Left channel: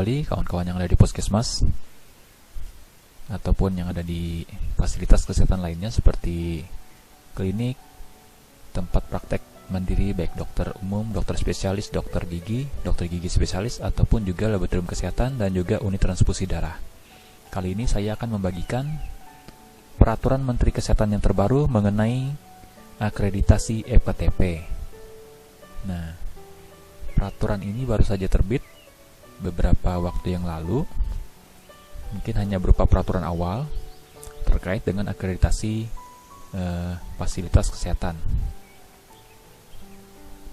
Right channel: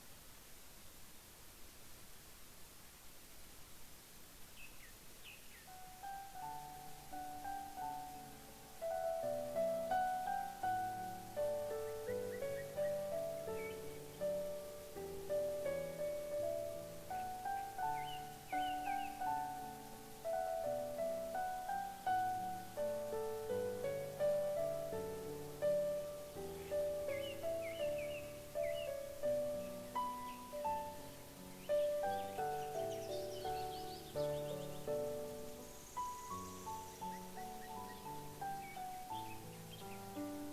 kembali kawan-kawan yang ada di Puskesmas ataupun yang ada di fasilitas kesehatan lainnya seperti klinik, tempat praktek mandiri baik dokter umum, dokter spesialis, dokter gigi spesialis ataupun juga laboratorium kesehatan dan juga unit transfusi darah. Kali ini saya akan membagikan peraturan Menteri Kesehatan yang terbaru mengenai akreditasi FKTP. Nah, peraturan ini baru saja terbit beberapa waktu yang lalu, mungkin hanya berupa peraturan awal terkait dengan akreditasi fasilitas kesehatan.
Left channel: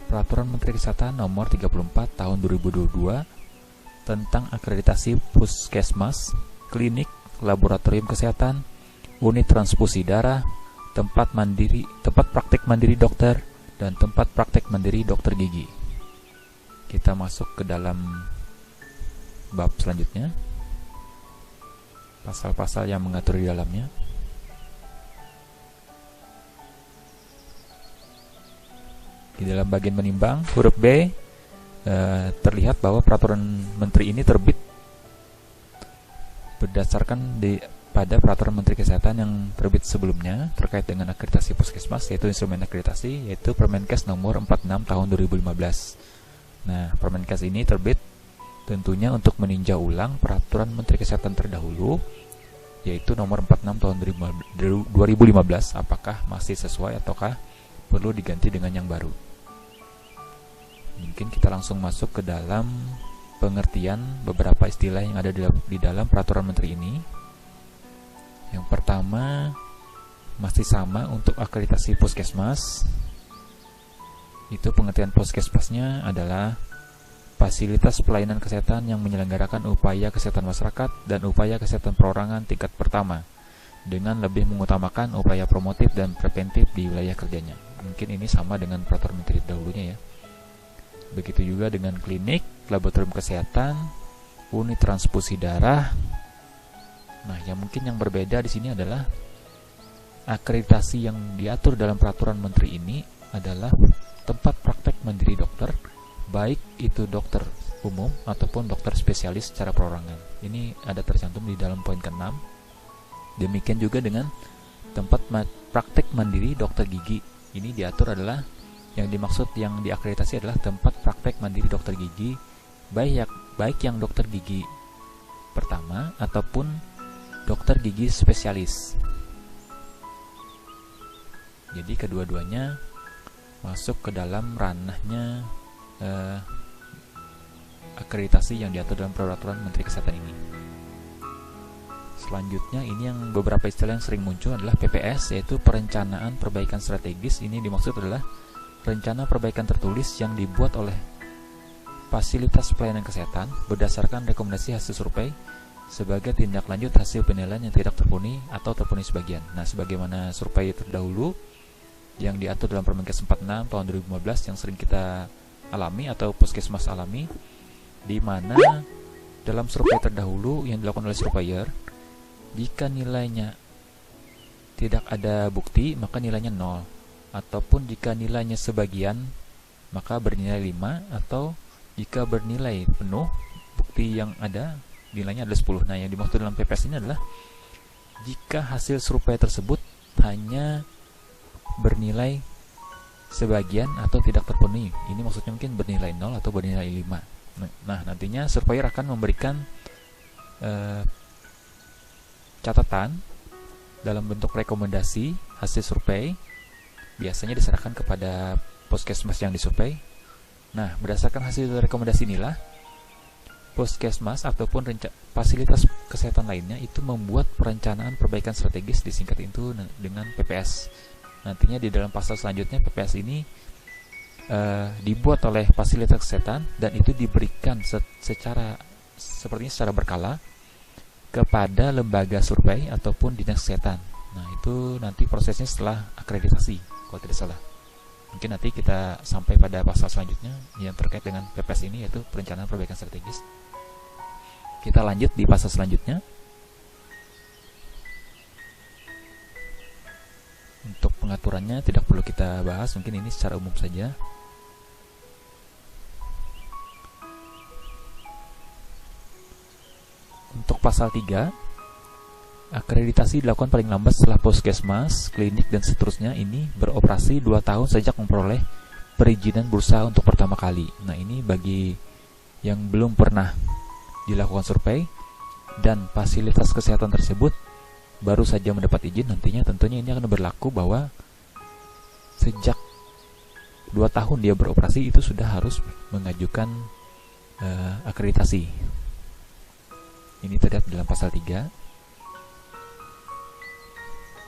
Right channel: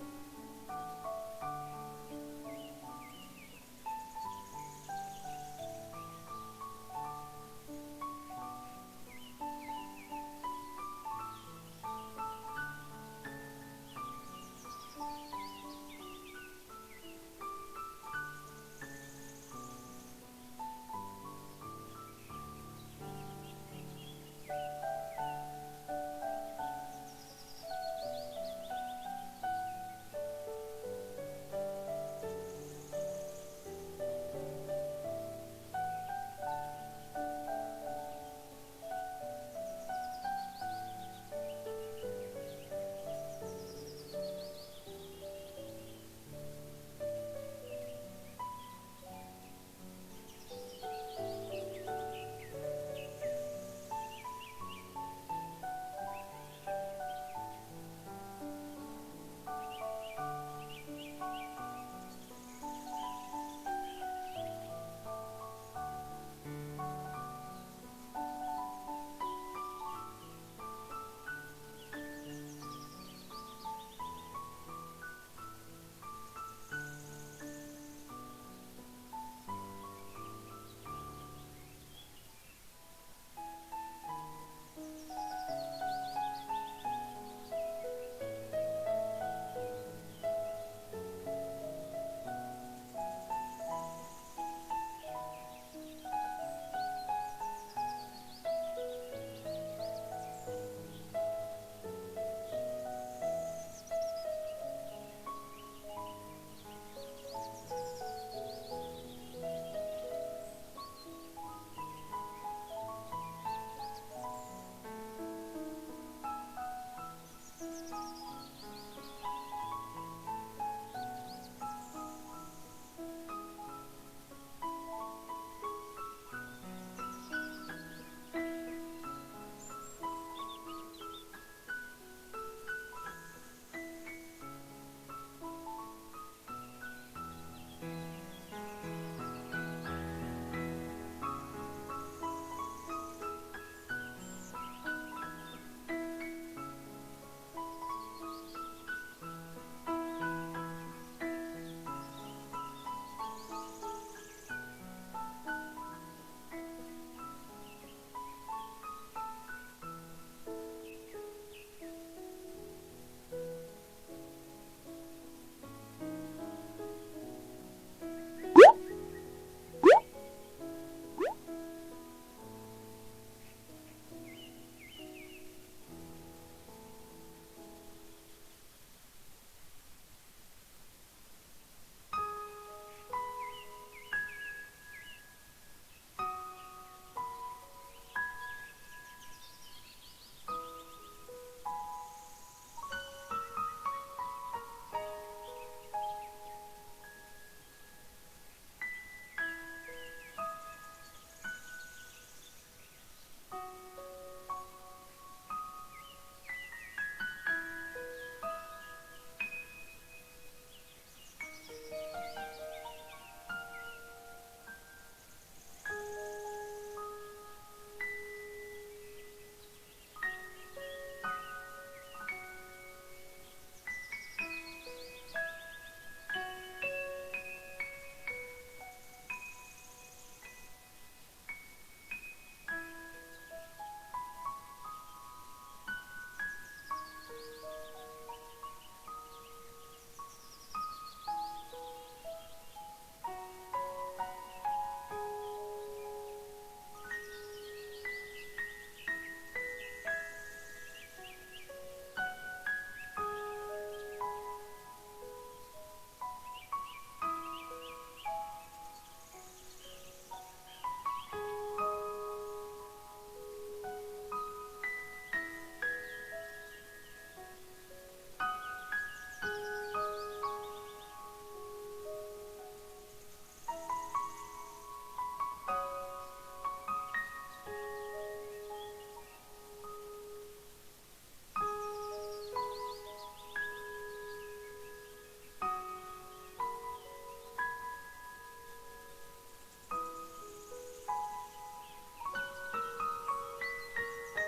Peraturan Menteri Kesehatan nomor 34 tahun 2022 tentang akreditasi puskesmas, klinik, laboratorium kesehatan, unit transfusi darah, tempat praktek mandiri dokter, dan tempat praktek mandiri dokter gigi. Kita masuk ke dalam bab selanjutnya, pasal-pasal yang mengatur di dalamnya. Di dalam bagian menimbang, huruf B, terlihat bahwa peraturan menteri ini terbit berdasarkan pada peraturan Menteri Kesehatan yang terbit sebelumnya terkait dengan akreditasi puskesmas, yaitu instrumen akreditasi, yaitu Permenkes nomor 46 tahun 2015. Nah, Permenkes ini terbit tentunya untuk meninjau ulang peraturan Menteri Kesehatan terdahulu, yaitu nomor 46 tahun 2015, apakah masih sesuai ataukah perlu diganti dengan yang baru. Mungkin kita langsung masuk ke dalam pengertian beberapa istilah yang ada di dalam peraturan menteri ini. Yang pertama, masih sama untuk akreditasi puskesmas. Itu pengertian puskesmasnya adalah fasilitas pelayanan kesehatan yang menyelenggarakan upaya kesehatan masyarakat dan upaya kesehatan perorangan tingkat pertama dengan lebih mengutamakan upaya promotif dan preventif di wilayah kerjanya. Mungkin ini sama dengan peraturan menteri dahulunya ya. Begitu juga dengan klinik, laboratorium kesehatan, unit transfusi darah. Nah, yang berbeda di sini adalah akreditasi yang diatur dalam peraturan menteri ini adalah tempat praktek mandiri dokter, baik itu dokter umum ataupun dokter spesialis secara perorangan. Ini ada tercantum di dalam poin ke-6. Demikian juga dengan tempat praktek mandiri dokter gigi. Ini diatur adalah yang dimaksud yang diakreditasi adalah tempat praktek mandiri dokter gigi, baik yang dokter gigi pertama ataupun dokter gigi spesialis. Jadi kedua-duanya masuk ke dalam ranahnya akreditasi yang diatur dalam peraturan Menteri Kesehatan ini. Selanjutnya ini yang beberapa istilah yang sering muncul adalah PPS, yaitu perencanaan perbaikan strategis. Ini dimaksud adalah rencana perbaikan tertulis yang dibuat oleh fasilitas pelayanan kesehatan berdasarkan rekomendasi hasil survei sebagai tindak lanjut hasil penilaian yang tidak terpenuhi atau terpenuhi sebagian. Nah, sebagaimana survei terdahulu yang diatur dalam Permenkes 46 tahun 2015 yang sering kita alami atau puskesmas alami, di mana dalam survei terdahulu yang dilakukan oleh surveyor, jika nilainya tidak ada bukti maka nilainya 0, ataupun jika nilainya sebagian maka bernilai 5, atau jika bernilai penuh bukti yang ada nilainya adalah 10. Nah, yang dimaksud dalam PPS ini adalah jika hasil survei tersebut hanya bernilai sebagian atau tidak terpenuhi. Ini maksudnya mungkin bernilai 0 atau bernilai 5. Nah, nantinya surveyor akan memberikan catatan dalam bentuk rekomendasi hasil survei, biasanya diserahkan kepada puskesmas yang disurvei. Nah, berdasarkan hasil rekomendasi inilah puskesmas ataupun fasilitas kesehatan lainnya itu membuat perencanaan perbaikan strategis, disingkat itu dengan PPS. Nantinya di dalam pasal selanjutnya PPS ini dibuat oleh fasilitas kesehatan dan itu diberikan secara berkala kepada lembaga survei ataupun dinas kesehatan. Nah, itu nanti prosesnya setelah akreditasi kalau tidak salah. Mungkin nanti kita sampai pada pasal selanjutnya yang terkait dengan PPS ini, yaitu perencanaan perbaikan strategis. Kita lanjut di pasal selanjutnya. Untuk pengaturannya tidak perlu kita bahas, mungkin ini secara umum saja. pasal 3, akreditasi dilakukan paling lambat setelah puskesmas, klinik, dan seterusnya ini beroperasi 2 tahun sejak memperoleh perizinan berusaha untuk pertama kali. Nah, ini bagi yang belum pernah dilakukan survei dan fasilitas kesehatan tersebut baru saja mendapat izin, nantinya tentunya ini akan berlaku bahwa sejak 2 tahun dia beroperasi itu sudah harus mengajukan akreditasi. Ini terlihat dalam pasal 3.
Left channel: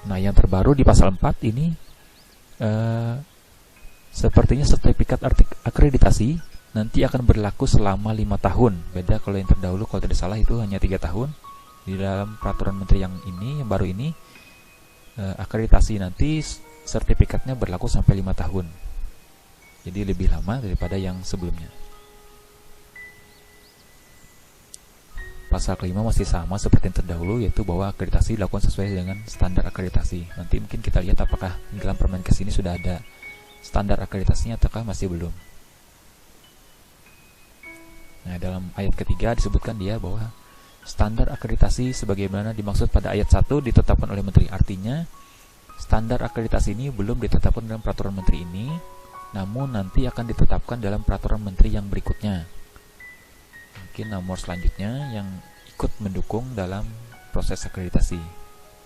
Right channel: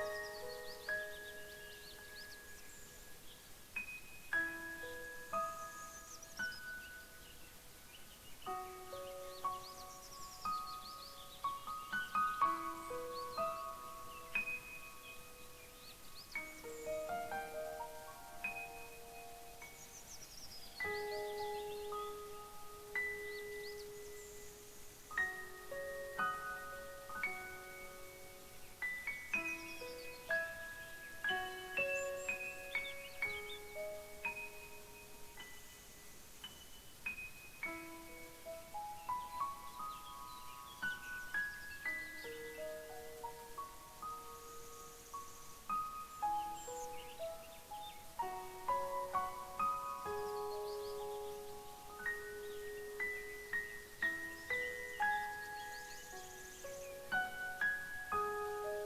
Nah, yang terbaru di pasal 4 ini sepertinya sertifikat akreditasi nanti akan berlaku selama 5 tahun. Beda kalau yang terdahulu, kalau tidak salah itu hanya 3 tahun. Di dalam peraturan menteri yang baru ini, akreditasi nanti sertifikatnya berlaku sampai 5 tahun. Jadi lebih lama daripada yang sebelumnya. Pasal kelima masih sama seperti yang terdahulu, yaitu bahwa akreditasi dilakukan sesuai dengan standar akreditasi. Nanti mungkin kita lihat apakah dalam Permenkes ini sudah ada standar akreditasinya ataukah masih belum. Nah, dalam ayat ketiga disebutkan dia bahwa standar akreditasi sebagaimana dimaksud pada ayat 1 ditetapkan oleh menteri. Artinya, standar akreditasi ini belum ditetapkan dalam peraturan menteri ini, namun nanti akan ditetapkan dalam peraturan menteri yang berikutnya. Mungkin nomor selanjutnya yang ikut mendukung dalam proses akreditasi.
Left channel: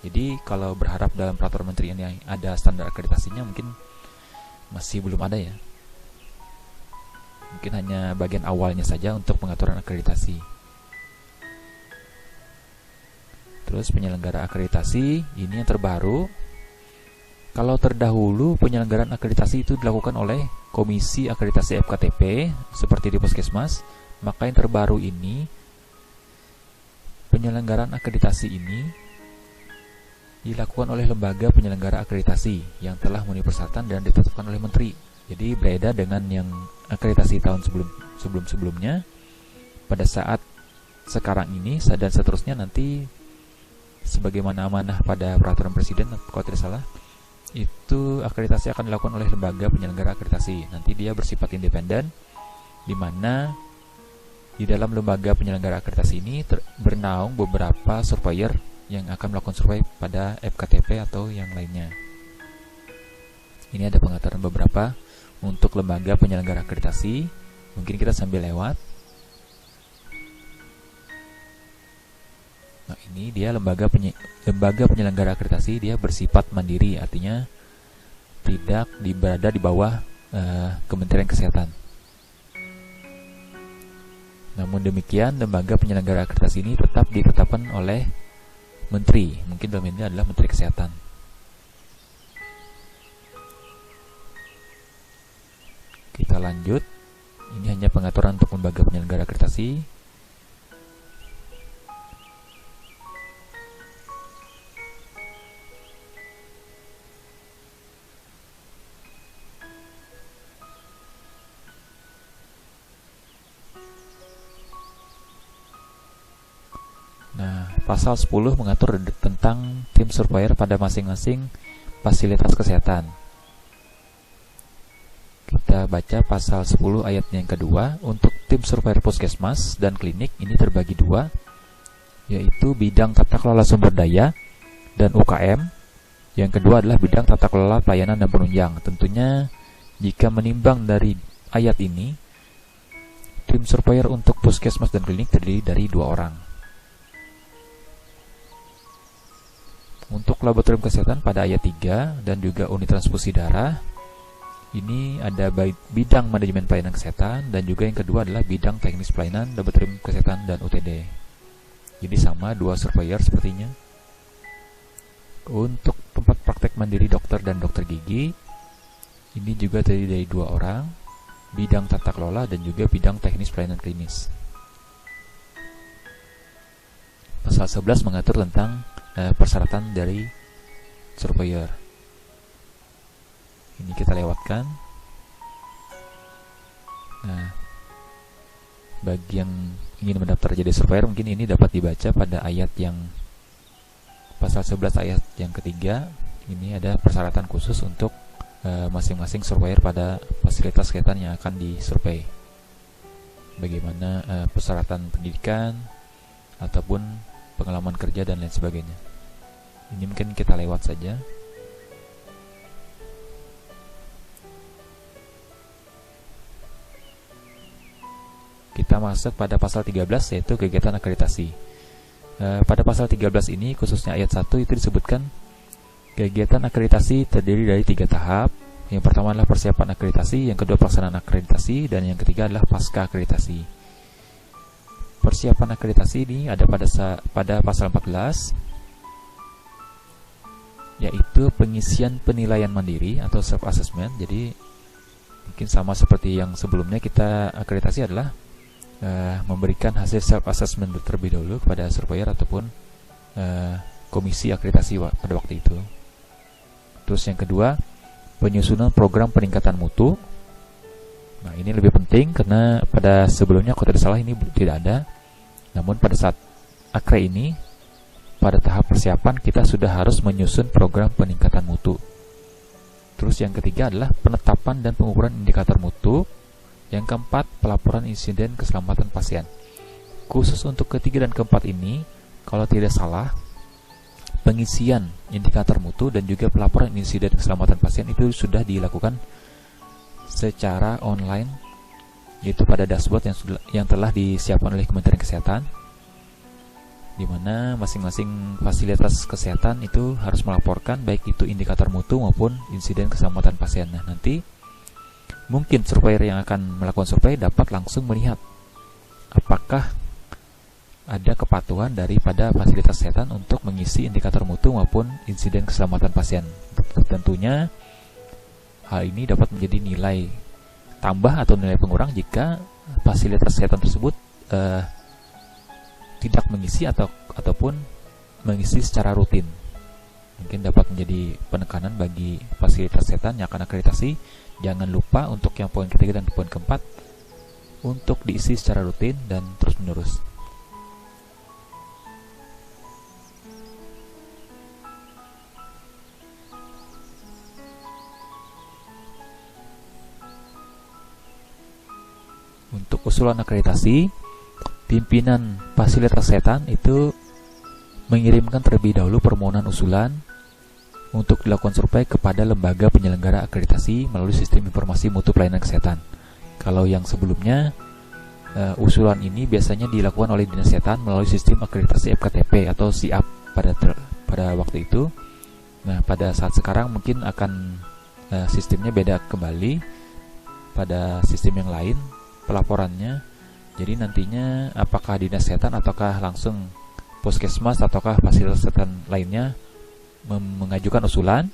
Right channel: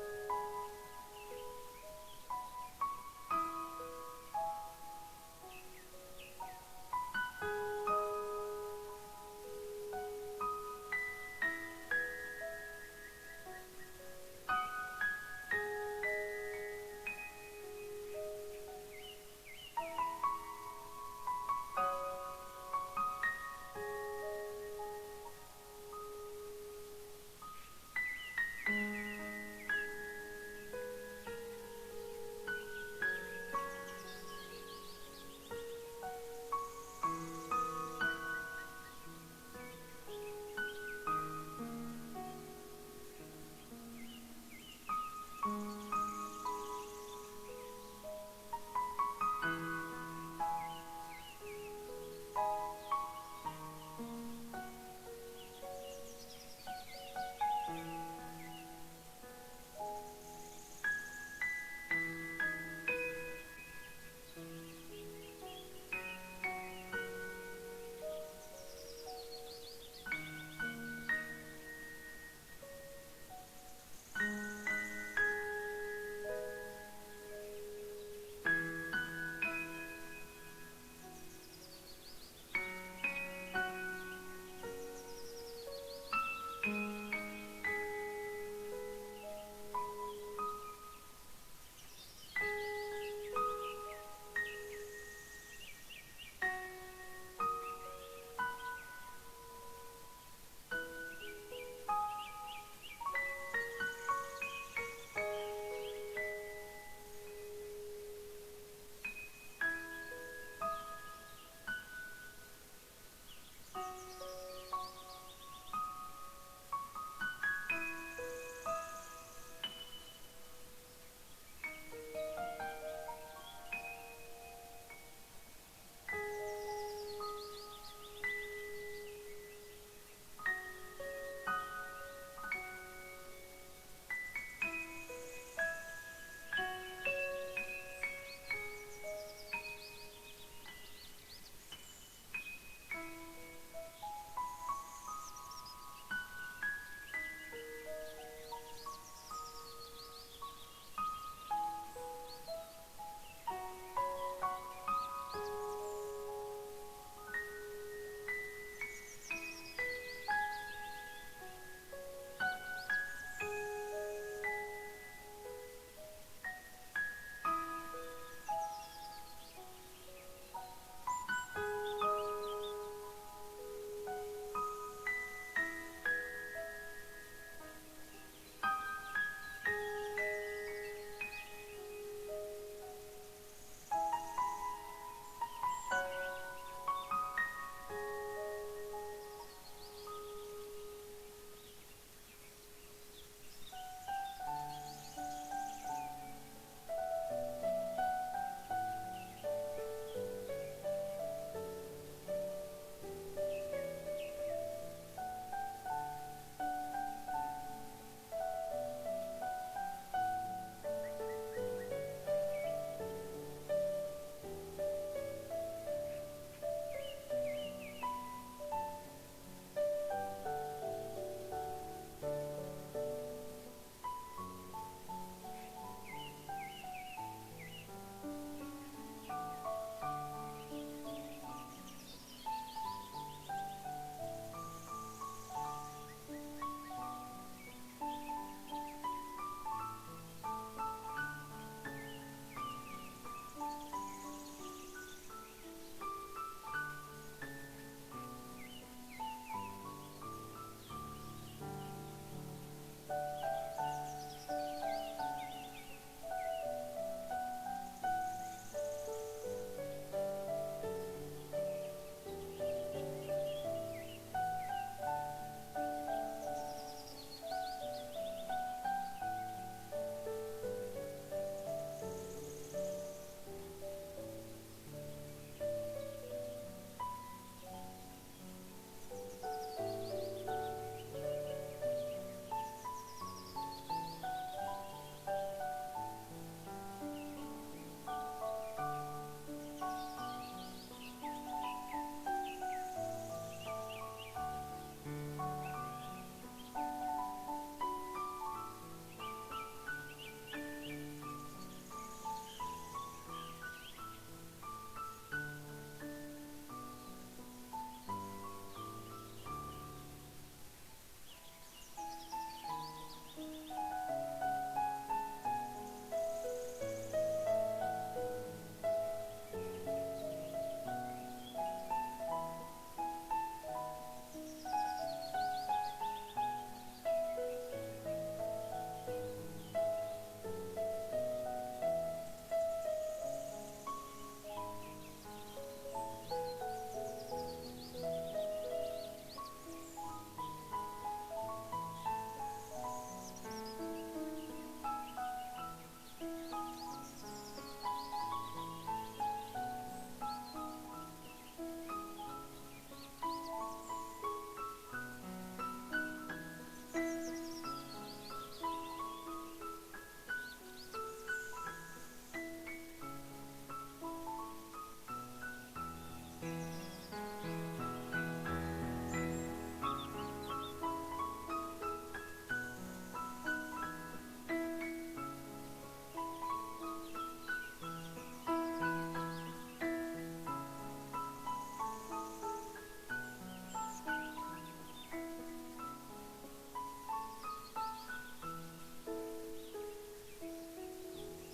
Jadi kalau berharap dalam peraturan menteri ini ada standar akreditasinya, mungkin masih belum ada ya. Mungkin hanya bagian awalnya saja untuk pengaturan akreditasi. Terus penyelenggara akreditasi ini yang terbaru. Kalau terdahulu penyelenggaraan akreditasi itu dilakukan oleh Komisi Akreditasi FKTP seperti di Puskesmas, maka yang terbaru ini penyelenggaraan akreditasi ini dilakukan oleh lembaga penyelenggara akreditasi yang telah memenuhi persyaratan dan ditetapkan oleh menteri. Jadi berbeda dengan yang akreditasi tahun sebelumnya. Pada saat sekarang ini dan seterusnya nanti sebagaimana amanah pada peraturan presiden kalau tidak salah, itu akreditasi akan dilakukan oleh lembaga penyelenggara akreditasi. Nanti dia bersifat independen, di mana di dalam lembaga penyelenggara akreditasi ini bernaung beberapa surveyor yang akan melakukan survei pada FKTP atau yang lainnya. Ini ada pengaturan beberapa untuk lembaga penyelenggara akreditasi. Mungkin kita sambil lewat. Nah, ini dia lembaga penyelenggara akreditasi, dia bersifat mandiri, artinya tidak berada di bawah Kementerian Kesehatan. Namun demikian, lembaga penyelenggara akreditasi ini tetap ditetapkan oleh menteri. Mungkin dalam ini adalah Menteri Kesehatan. Kita lanjut. Ini hanya pengaturan untuk lembaga penyelenggara akreditasi. Pasal 10 mengatur tentang tim surveyor pada masing-masing fasilitas kesehatan. Kita baca pasal 10 ayat yang kedua. Untuk tim surveyor puskesmas dan klinik ini terbagi dua, yaitu bidang tata kelola sumber daya dan UKM. Yang kedua adalah bidang tata kelola pelayanan dan penunjang. Tentunya jika menimbang dari ayat ini, tim surveyor untuk puskesmas dan klinik terdiri dari 2 orang. Untuk laboratorium kesehatan pada ayat 3 dan juga unit transfusi darah, ini ada bidang manajemen pelayanan kesehatan, dan juga yang kedua adalah bidang teknis pelayanan, laboratorium kesehatan, dan UTD. Jadi sama 2 surveyor sepertinya. Untuk tempat praktek mandiri dokter dan dokter gigi, ini juga terdiri dari 2 orang, bidang tata kelola dan juga bidang teknis pelayanan klinis. Pasal 11 mengatur tentang persyaratan dari surveyor. Ini kita lewatkan. Nah, bagi yang ingin mendaftar jadi surveyor, mungkin ini dapat dibaca pada ayat yang pasal 11 ayat yang ketiga. Ini ada persyaratan khusus untuk masing-masing surveyor pada fasilitas kesehatan yang akan disurvei. Bagaimana persyaratan pendidikan ataupun pengalaman kerja dan lain sebagainya. Ini mungkin kita lewat saja. Kita masuk pada pasal 13, yaitu kegiatan akreditasi. Pada pasal 13 ini, khususnya ayat 1, itu disebutkan kegiatan akreditasi terdiri dari 3 tahap. Yang pertama adalah persiapan akreditasi, yang kedua pelaksanaan akreditasi, dan yang ketiga adalah pasca akreditasi. Persiapan akreditasi ini ada pada pasal 14, yaitu pengisian penilaian mandiri atau self-assessment. Jadi mungkin sama seperti yang sebelumnya, kita akreditasi adalah memberikan hasil self-assessment terlebih dahulu kepada surveyor ataupun komisi akreditasi pada waktu itu. Terus yang kedua, penyusunan program peningkatan mutu. Nah, ini lebih penting karena pada sebelumnya, kalau tidak salah, ini tidak ada. Namun pada saat akre ini, pada tahap persiapan, kita sudah harus menyusun program peningkatan mutu. Terus yang ketiga adalah penetapan dan pengukuran indikator mutu. Yang keempat, pelaporan insiden keselamatan pasien. Khusus untuk ketiga dan keempat ini, kalau tidak salah, pengisian indikator mutu dan juga pelaporan insiden keselamatan pasien itu sudah dilakukan secara online, yaitu pada dashboard yang telah disiapkan oleh Kementerian Kesehatan, di mana masing-masing fasilitas kesehatan itu harus melaporkan baik itu indikator mutu maupun insiden keselamatan pasien. Nah, nanti mungkin surveyor yang akan melakukan survei dapat langsung melihat apakah ada kepatuhan daripada fasilitas kesehatan untuk mengisi indikator mutu maupun insiden keselamatan pasien. Tentunya hal ini dapat menjadi nilai tambah atau nilai pengurang jika fasilitas kesehatan tersebut tidak mengisi ataupun mengisi secara rutin. Mungkin dapat menjadi penekanan bagi fasilitas kesehatan yang akan akreditasi. Jangan lupa untuk yang poin ketiga dan poin keempat untuk diisi secara rutin dan terus menerus. Untuk usulan akreditasi, pimpinan fasilitas kesehatan itu mengirimkan terlebih dahulu permohonan usulan untuk dilakukan survei kepada lembaga penyelenggara akreditasi melalui sistem informasi mutu pelayanan kesehatan. Kalau yang sebelumnya, usulan ini biasanya dilakukan oleh Dinas Kesehatan melalui sistem akreditasi FKTP atau SIAP pada waktu itu. Nah, pada saat sekarang mungkin akan sistemnya beda kembali pada sistem yang lain pelaporannya. Jadi nantinya apakah Dinas Kesehatan ataukah langsung Puskesmas ataukah fasilitas kesehatan lainnya mengajukan usulan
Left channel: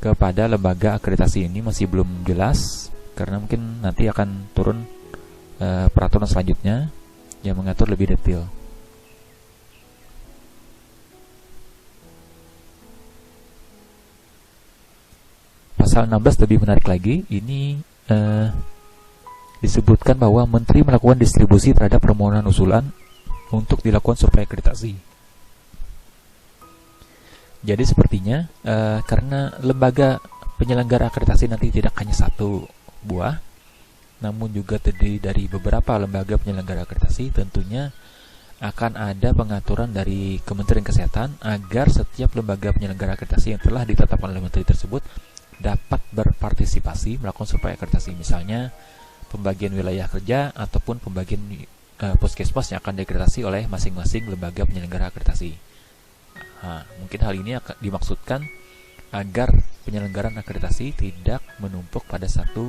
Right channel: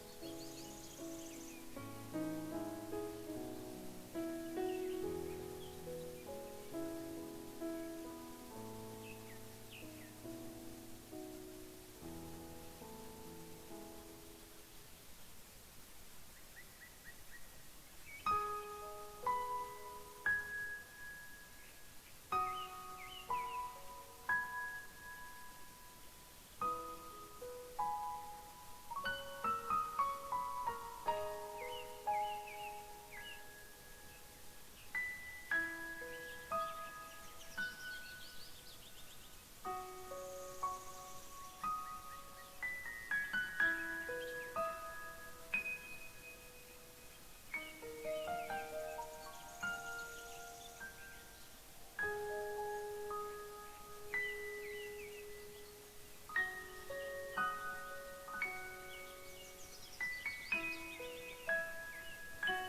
kepada lembaga akreditasi ini masih belum jelas, karena mungkin nanti akan turun peraturan selanjutnya yang mengatur lebih detail. Pasal 16 lebih menarik lagi. Ini disebutkan bahwa Menteri melakukan distribusi terhadap permohonan usulan untuk dilakukan survei akreditasi. Jadi sepertinya karena lembaga penyelenggara akreditasi nanti tidak hanya satu buah, namun juga terdiri dari beberapa lembaga penyelenggara akreditasi, tentunya akan ada pengaturan dari Kementerian Kesehatan agar setiap lembaga penyelenggara akreditasi yang telah ditetapkan oleh Menteri tersebut dapat berpartisipasi melakukan survei akreditasi, misalnya pembagian wilayah kerja ataupun pembagian puskesmas yang akan diakreditasi oleh masing-masing lembaga penyelenggara akreditasi. Nah, mungkin hal ini akan dimaksudkan agar penyelenggaraan akreditasi tidak menumpuk pada satu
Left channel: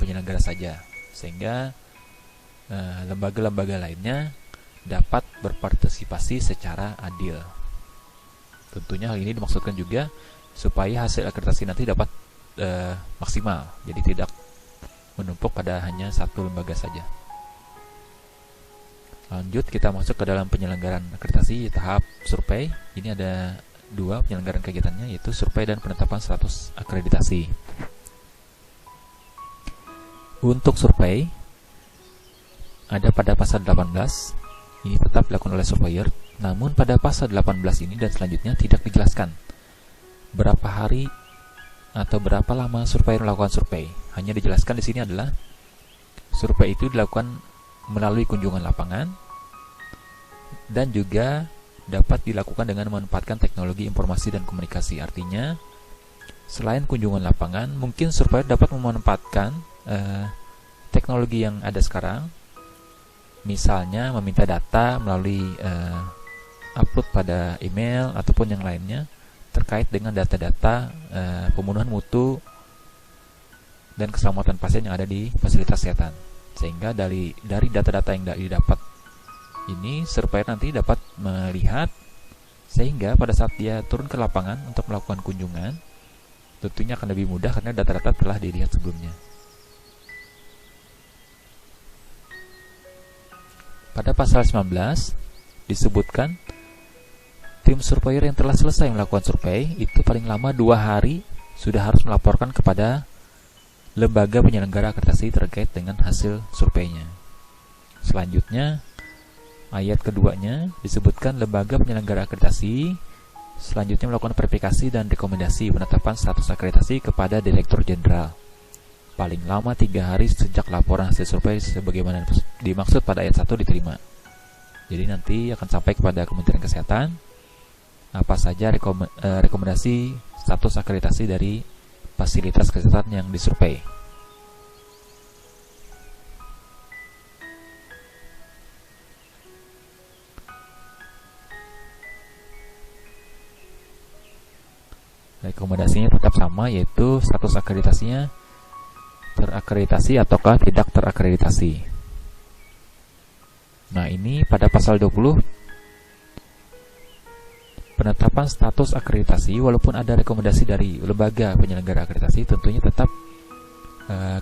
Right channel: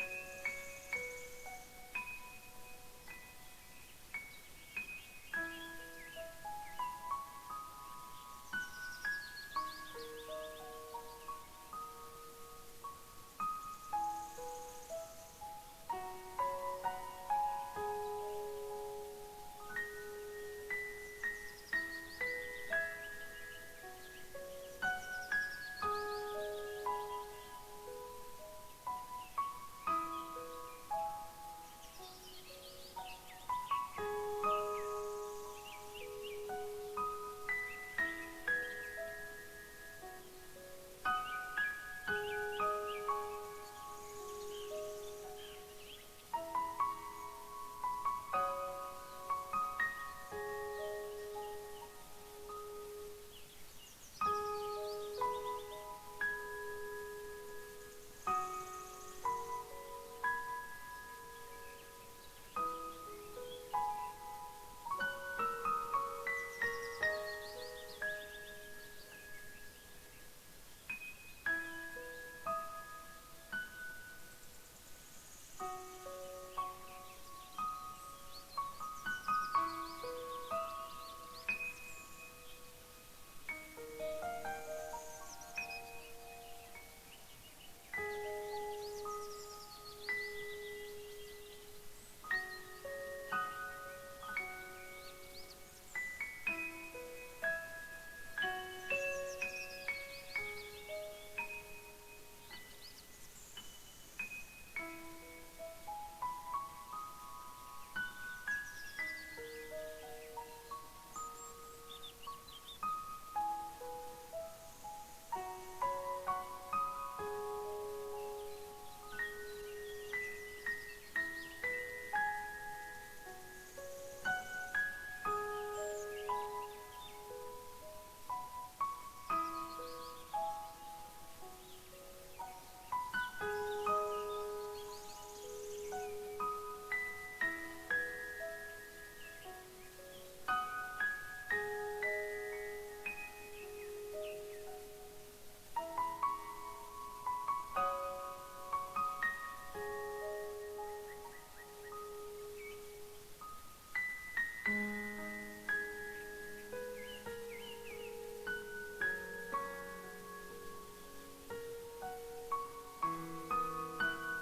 penyelenggara saja, sehingga lembaga-lembaga lainnya dapat berpartisipasi secara adil. Tentunya hal ini dimaksudkan juga supaya hasil akreditasi nanti dapat maksimal, jadi tidak menumpuk pada hanya satu lembaga saja. Lanjut, kita masuk ke dalam penyelenggaraan akreditasi tahap survei. Ini ada dua penyelenggaraan kegiatannya, yaitu survei dan penetapan status akreditasi. Untuk survei ada pada pasal 18, ini tetap dilakukan oleh surveyor, namun pada pasal 18 ini dan selanjutnya tidak dijelaskan berapa hari atau berapa lama surveyor melakukan survei. Hanya dijelaskan di sini adalah survei itu dilakukan melalui kunjungan lapangan dan juga dapat dilakukan dengan memanfaatkan teknologi informasi dan komunikasi. Artinya, selain kunjungan lapangan, mungkin surveyor dapat memanfaatkan teknologi yang ada sekarang, misalnya meminta data melalui upload pada email ataupun yang lainnya terkait dengan data-data pemenuhan mutu dan keselamatan pasien yang ada di fasilitas kesehatan. Sehingga dari data-data yang didapat ini, surveyor nanti dapat melihat, sehingga pada saat dia turun ke lapangan untuk melakukan kunjungan, tentunya akan lebih mudah karena data-data telah dilihat sebelumnya. Pada pasal 19 disebutkan tim surveyor yang telah selesai melakukan survei itu paling lama 2 hari sudah harus melaporkan kepada lembaga penyelenggara akreditasi terkait dengan hasil surveinya. Selanjutnya, ayat keduanya disebutkan lembaga penyelenggara akreditasi selanjutnya melakukan verifikasi dan rekomendasi penetapan status akreditasi kepada Direktur Jenderal. Paling lama 3 hari sejak laporan hasil survei sebagaimana dimaksud pada ayat 1 diterima. Jadi nanti akan sampai kepada Kementerian Kesehatan apa saja rekomendasi status akreditasi dari fasilitas kesehatan yang disurvei. Rekomendasinya tetap sama, yaitu status akreditasinya terakreditasi ataukah tidak terakreditasi. Nah, ini pada pasal 20 penetapan status akreditasi, walaupun ada rekomendasi dari lembaga penyelenggara akreditasi, tentunya tetap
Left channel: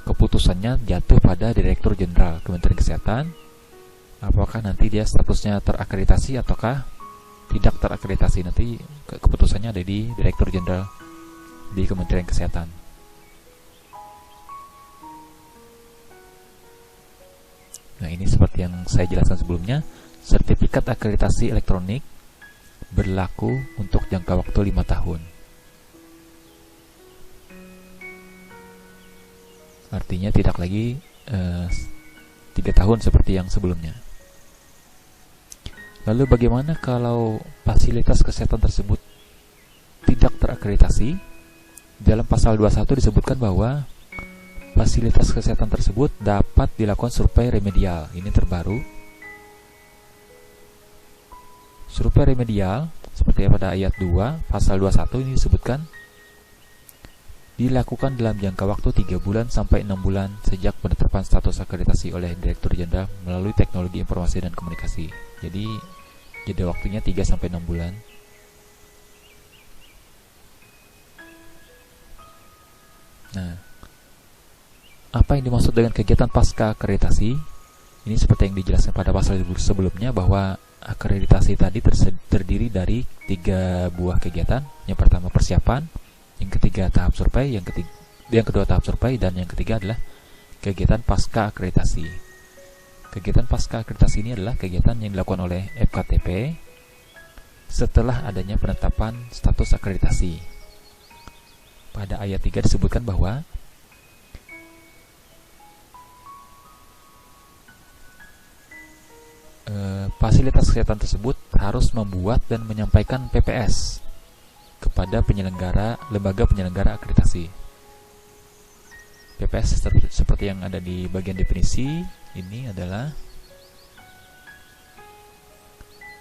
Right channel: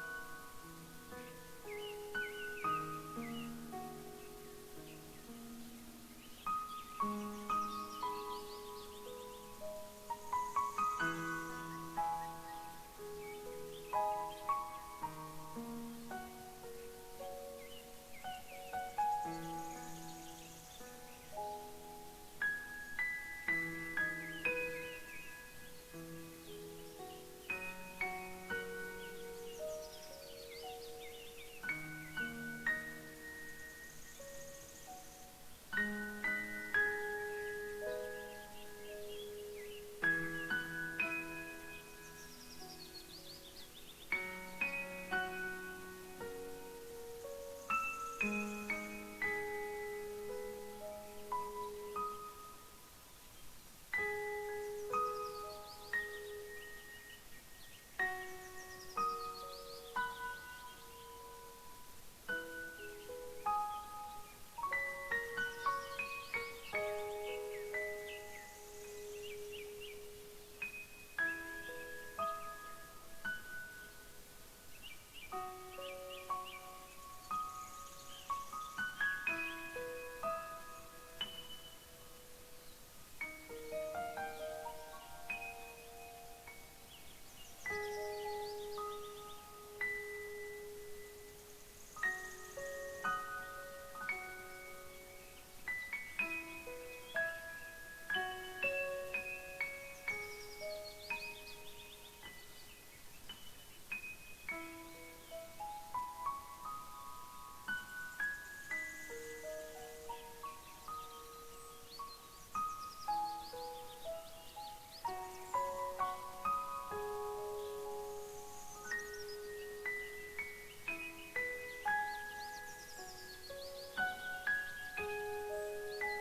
keputusannya jatuh pada Direktur Jenderal Kementerian Kesehatan. Apakah nanti dia statusnya terakreditasi ataukah tidak terakreditasi, nanti keputusannya ada di Direktur Jenderal di Kementerian Kesehatan. Nah, ini seperti yang saya jelaskan sebelumnya, sertifikat akreditasi elektronik berlaku untuk jangka waktu 5 tahun. Artinya tidak lagi 3 tahun seperti yang sebelumnya. Lalu bagaimana kalau fasilitas kesehatan tersebut tidak terakreditasi? Dalam pasal 21 disebutkan bahwa fasilitas kesehatan tersebut dapat dilakukan survei remedial. Ini terbaru. Survei remedial seperti pada ayat 2 pasal 21 ini disebutkan dilakukan dalam jangka waktu 3 bulan sampai 6 bulan sejak penetapan status akreditasi oleh Direktur Jenderal melalui teknologi informasi dan komunikasi. Jadi jeda waktunya 3 sampai 6 bulan. Nah, apa yang dimaksud dengan kegiatan pasca akreditasi? Ini seperti yang dijelaskan pada pasal sebelumnya, bahwa akreditasi tadi terdiri dari 3 buah kegiatan. Yang pertama persiapan, yang ketiga tahap survei, yang kedua tahap survei, dan yang ketiga adalah kegiatan pasca akreditasi. Kegiatan pasca akreditasi ini adalah kegiatan yang dilakukan oleh FKTP setelah adanya penetapan status akreditasi. Pada ayat 3 disebutkan bahwa fasilitas kesehatan tersebut harus membuat dan menyampaikan PPS kepada lembaga penyelenggara akreditasi. PPS seperti yang ada di bagian definisi ini adalah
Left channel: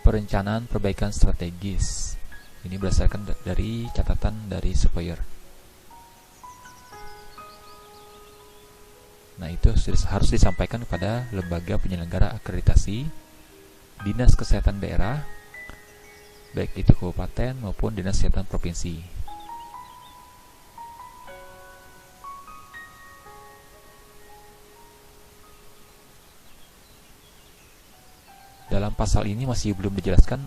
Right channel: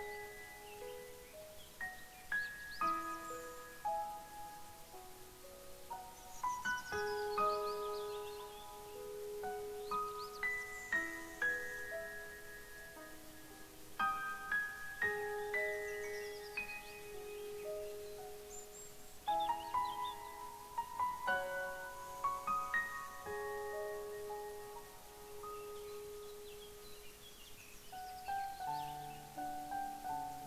perencanaan perbaikan strategis. Ini berdasarkan dari catatan dari surveyor. Nah, itu harus disampaikan kepada lembaga penyelenggara akreditasi, dinas kesehatan daerah, baik itu kabupaten maupun dinas kesehatan provinsi. Dalam pasal ini masih belum dijelaskan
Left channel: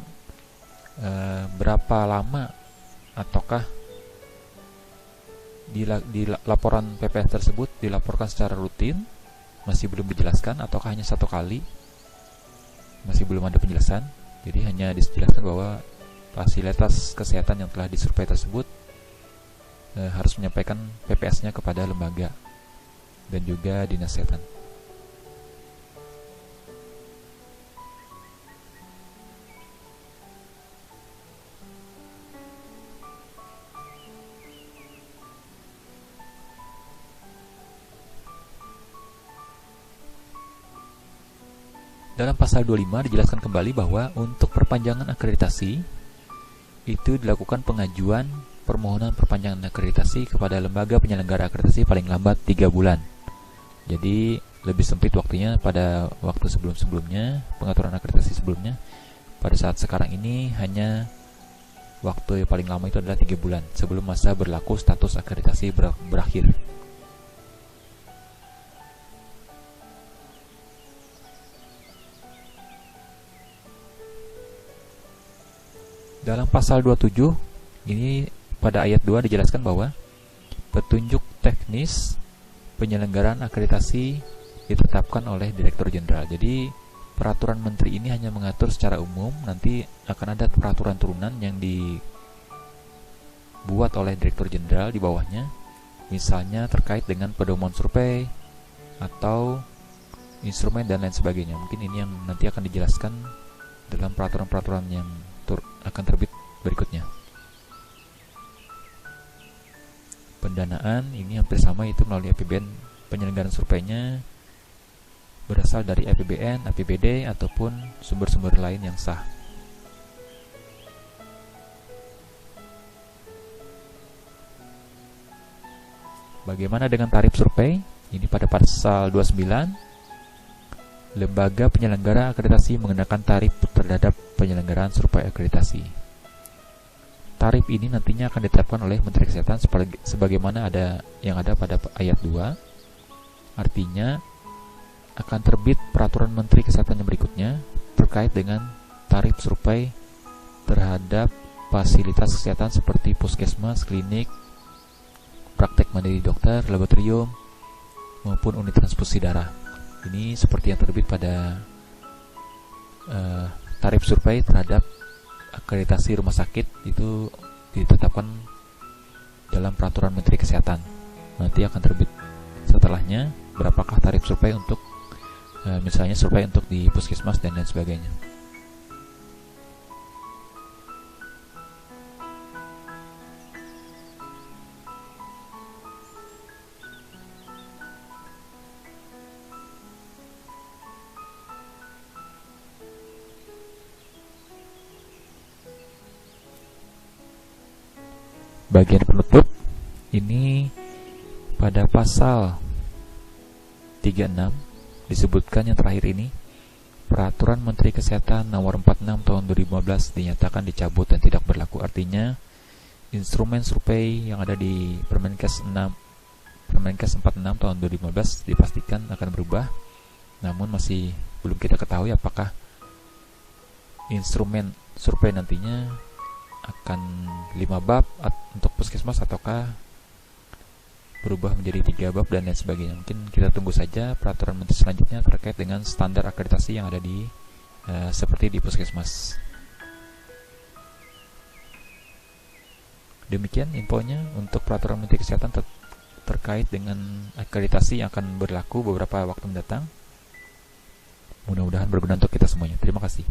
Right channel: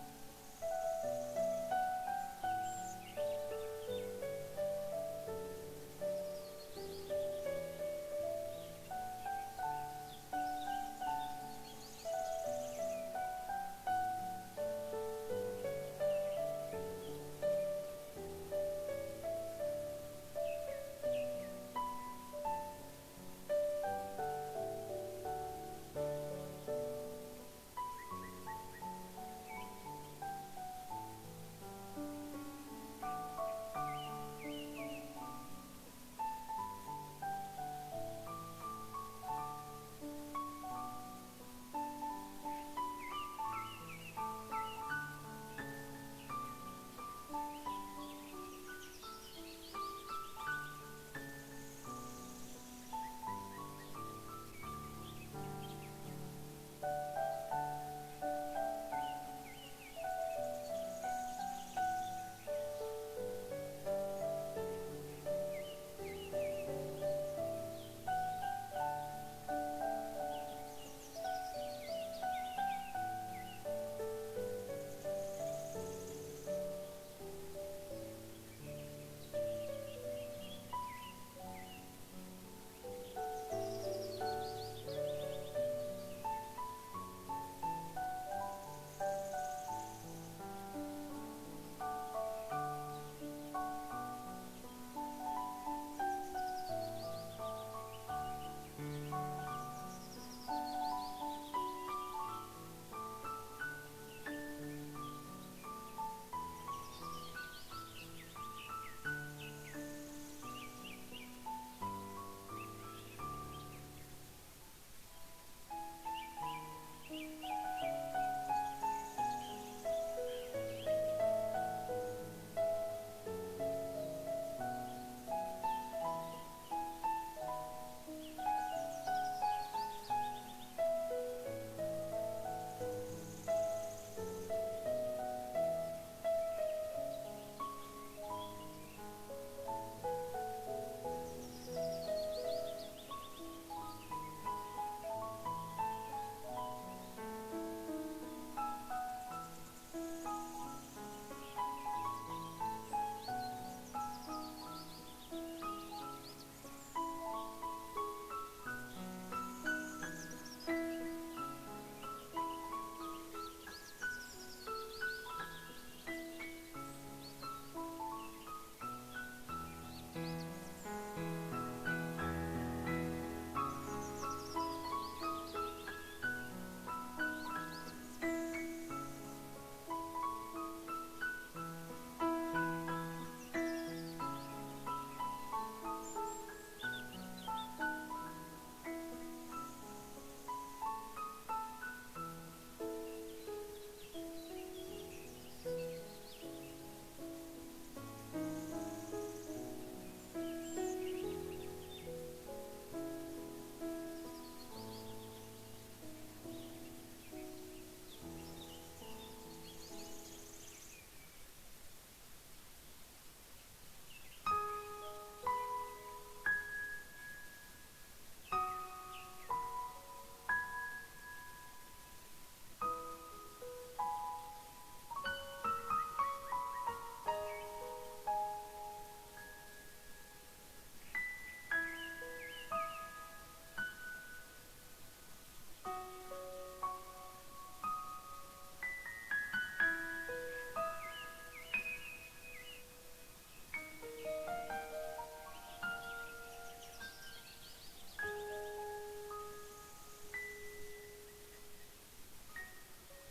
berapa lama ataukah di laporan PPS tersebut dilaporkan secara rutin, masih belum dijelaskan, ataukah hanya 1 kali, masih belum ada penjelasan. Jadi hanya dijelaskan bahwa fasilitas kesehatan yang telah disurvei tersebut harus menyampaikan PPS-nya kepada lembaga dan juga dinas kesehatan. Dalam pasal 25 dijelaskan kembali bahwa untuk perpanjangan akreditasi itu dilakukan pengajuan permohonan perpanjangan akreditasi kepada lembaga penyelenggara akreditasi paling lambat 3 bulan. Jadi lebih sempit waktunya pada waktu sebelum-sebelumnya, pengaturan akreditasi sebelumnya. Pada saat sekarang ini hanya waktu yang paling lama itu adalah 3 bulan sebelum masa berlaku status akreditasi berakhir. Dalam pasal 27, ini pada ayat 2 dijelaskan bahwa petunjuk teknis penyelenggaraan akreditasi ditetapkan oleh Direktur Jenderal. Jadi peraturan menteri ini hanya mengatur secara umum, nanti akan ada peraturan turunan yang dibuat oleh Direktur Jenderal di bawahnya, misalnya terkait dengan pedoman survei atau instrumen dan lain sebagainya. Mungkin ini yang nanti akan dijelaskan dalam peraturan-peraturan yang akan terbit berikutnya. Pendanaan ini hampir sama, itu melalui APBN. Penyelenggaraan surveinya berasal dari APBN, APBD, ataupun sumber-sumber lain yang sah. Bagaimana dengan tarif survei? Ini pada pasal 29. Lembaga penyelenggara akreditasi mengenakan tarif terhadap penyelenggaraan survei akreditasi. Tarif ini nantinya akan ditetapkan oleh Menteri Kesehatan sebagaimana yang ada pada ayat 2. Artinya akan terbit peraturan Menteri Kesehatan yang berikutnya terkait dengan tarif survei terhadap fasilitas kesehatan seperti puskesmas, klinik, praktek mandiri dokter, laboratorium, maupun unit transfusi darah. Ini seperti yang terbit pada tarif survei terhadap akreditasi rumah sakit, itu ditetapkan dalam peraturan Menteri Kesehatan. Nanti akan terbit setelahnya berapakah tarif survei untuk misalnya survei untuk di puskesmas dan lain sebagainya. Bagian penutup ini pada pasal 36 disebutkan yang terakhir ini, Peraturan Menteri Kesehatan Nomor 46 Tahun 2015 dinyatakan dicabut dan tidak berlaku. Artinya instrumen survei yang ada di Permenkes 46 Tahun 2015 dipastikan akan berubah. Namun masih belum kita ketahui apakah instrumen survei nantinya akan 5 bab untuk puskesmas ataukah berubah menjadi 3 bab dan lain sebagainya. Mungkin kita tunggu saja peraturan menteri selanjutnya terkait dengan standar akreditasi yang ada di seperti di puskesmas. Demikian infonya untuk peraturan Menteri Kesehatan terkait dengan akreditasi yang akan berlaku beberapa waktu mendatang. Mudah-mudahan berguna untuk kita semuanya. Terima kasih.